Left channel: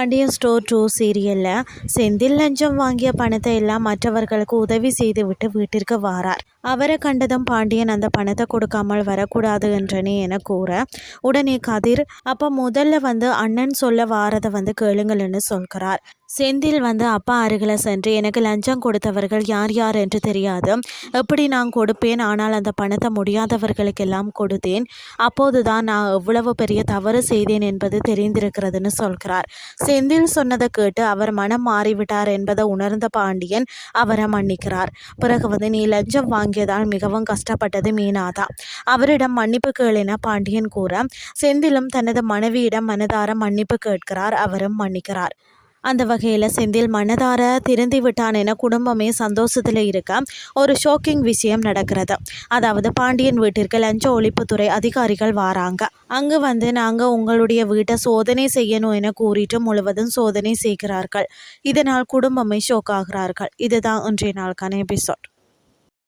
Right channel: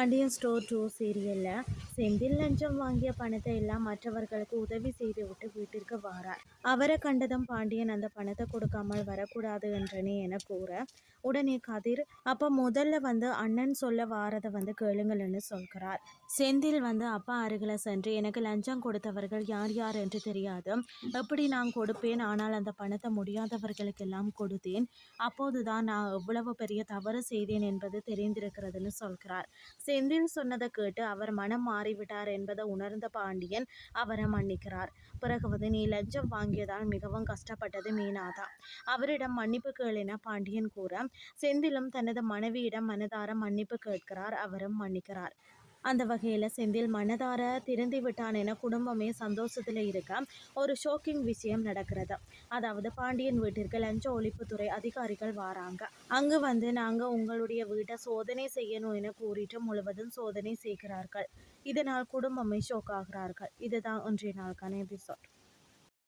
Pandian store 2 சீரியலில் செந்தில் லஞ்சம் வாங்கிய பணத்தை எல்லாம் மற்றவர்களுக்கு உதவி செய்துவிட்டு வீட்டிற்கு வாரார். அவரை கண்டதும் பாண்டியன் அந்த பணத்தை கொடுக்காமல் வரக்கூடாது என்றனே என கூற, உடனே கதிர் அப்போ முதல்ல அண்ணன் சொல்ல வாரதை கேளுங்கள்னு சொல்கிறார். செந்தில் அப்பா அருகில் சென்று எனக்கு லஞ்சம் கொடுத்தவர்கள் யார் யார் என்று தெரியாது, எப்படி நான் கொடுப்பேன், ஆனால் அந்த பணத்தை முடியாதவர்களுக்கெல்லாம் கொடுத்தேன், அப்போதுதான் நான் எவ்வளவு பெரிய தவறு செய்தேன் என்பது தெரிந்திருக்கிறதுன்னு சொல்கிறார். செந்தில் சொன்னதை கேட்டு அவர் மனம் மாறிவிட்டார் என்பதை உணர்ந்த பாண்டியன் அவரை மன்னிக்கிறார். பிறகு நீ லஞ்சம் வாங்கியதால் மிகவும் கஷ்டப்பட்டது மீனாதான், அவரிடம் மன்னிப்பு கேளென பாண்டியன் கூற, செந்திலும் தனது மனைவியிடம் மனதார மன்னிப்பு கேட்கிறார். அவரும் மன்னிக்கிறார். அந்த வகையில் செந்தில் மனதார திருந்தி விட்டான் என குடும்பமே சந்தோஷத்தில் இருக்க ஒரு ஷாக்கிங் விஷயம் நடக்கிறது. அதாவது பாண்டியன் வீட்டிற்கு லஞ்ச ஒழிப்புத்துறை அதிகாரிகள் வராங்க. அங்கு நாங்கள் உங்களுடைய வீட்டை சோதனை செய்யணும் என கூறிட்டு முழுவதும் சோதனை செய்கிறார்கள். இதனால் குடும்பமே ஷோக் ஆகிறார்கள். இதுதான் இன்றைய நாளுக்கான எபிசோட்.